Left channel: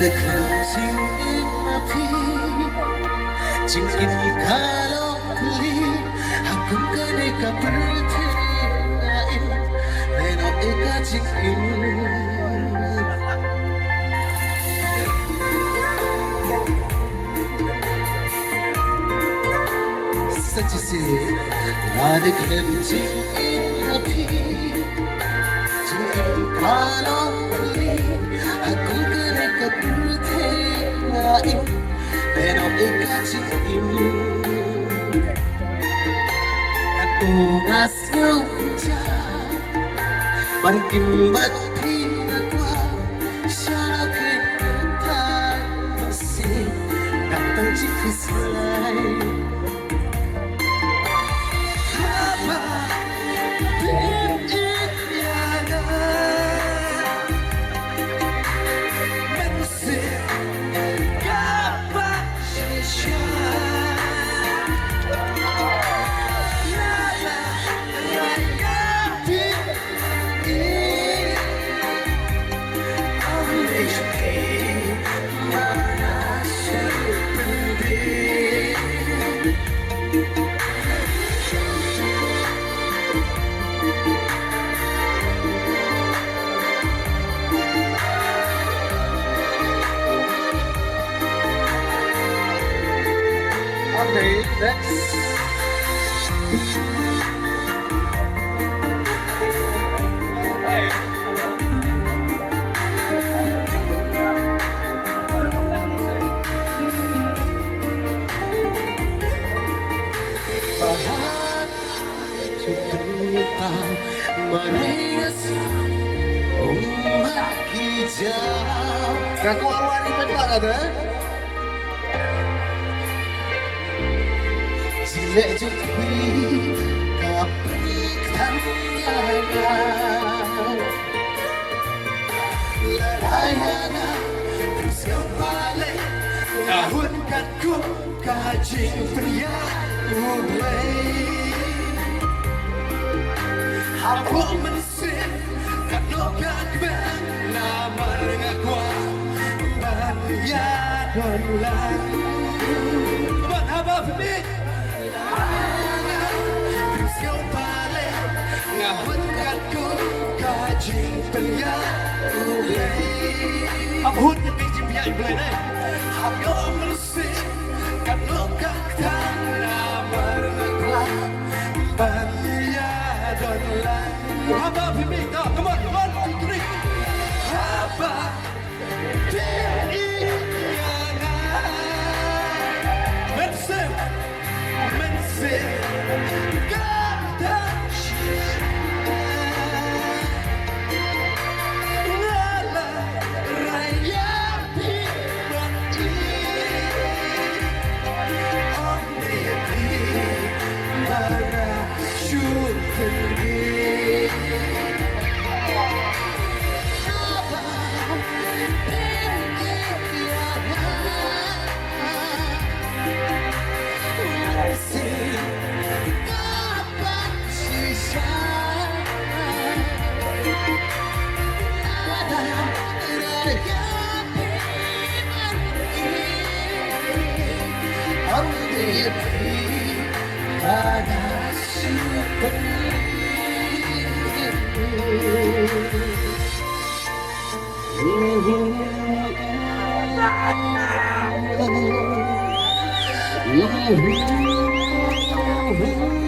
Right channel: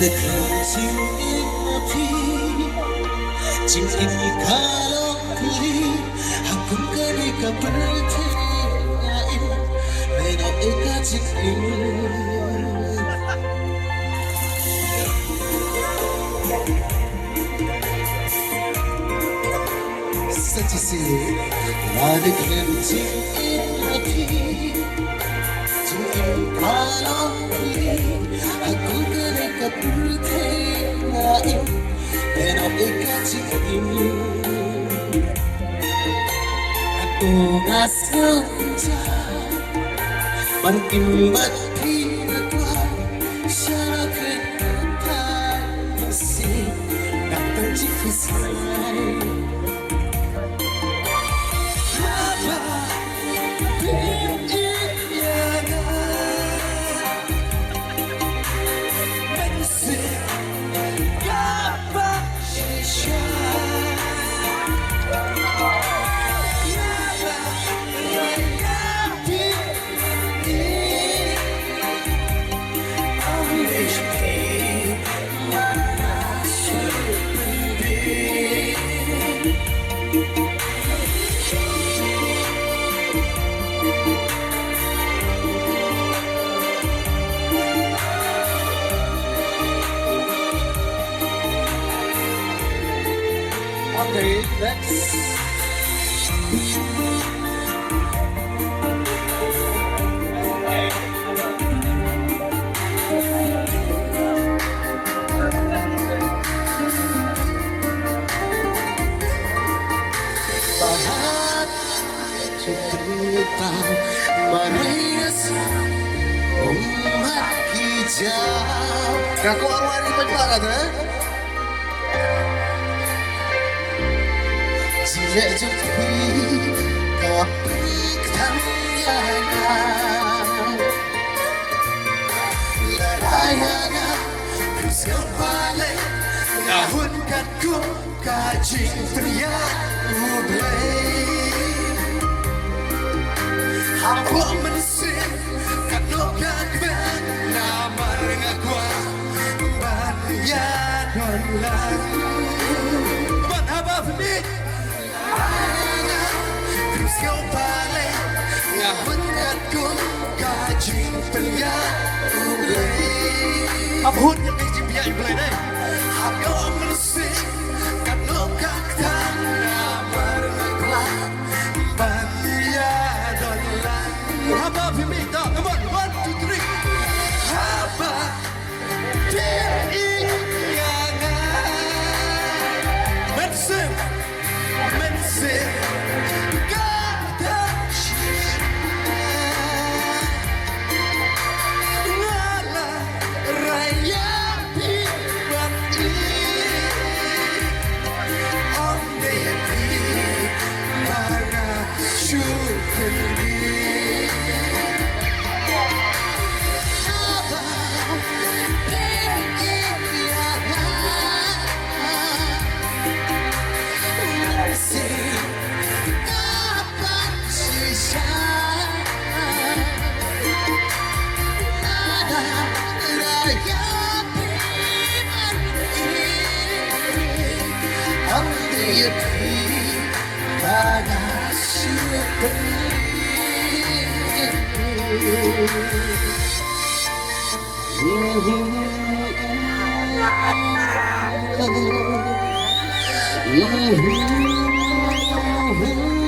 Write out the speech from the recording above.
được làm chim im mà phi chim im kalau kuli aku kene kaperti lain mena eka chim im Satisi Radik Lemti Api Chim kalau kuli aku kene kaperti lain mena eka chim im aku ngasih Bangkin bati kwa siya kita masih datang jika selai apa pilihannya masih kapan sisa Okay, next. Bahat Cukupkan Manis Umat hijau Kaku awal di penjara deh Jika jumpi Kapik tangyana Larayana Siapale Tahun kaku Kajing teriak Mublay Apa mesin Kano kakben Nama ngakwa Banya dan lagu Buat apa penit Siapale Tahun kaku Kajing teriak Mublay Apa hut yang ngejim biar iblay deh Apa mesin Kano kakben Nama ngakwa Banya dan lagu How about for me? No, come on, 1, 2, 3. How about Mensen, mensen, kata Lala, raya pibati Om devi, mana syukuri Mm-hmm.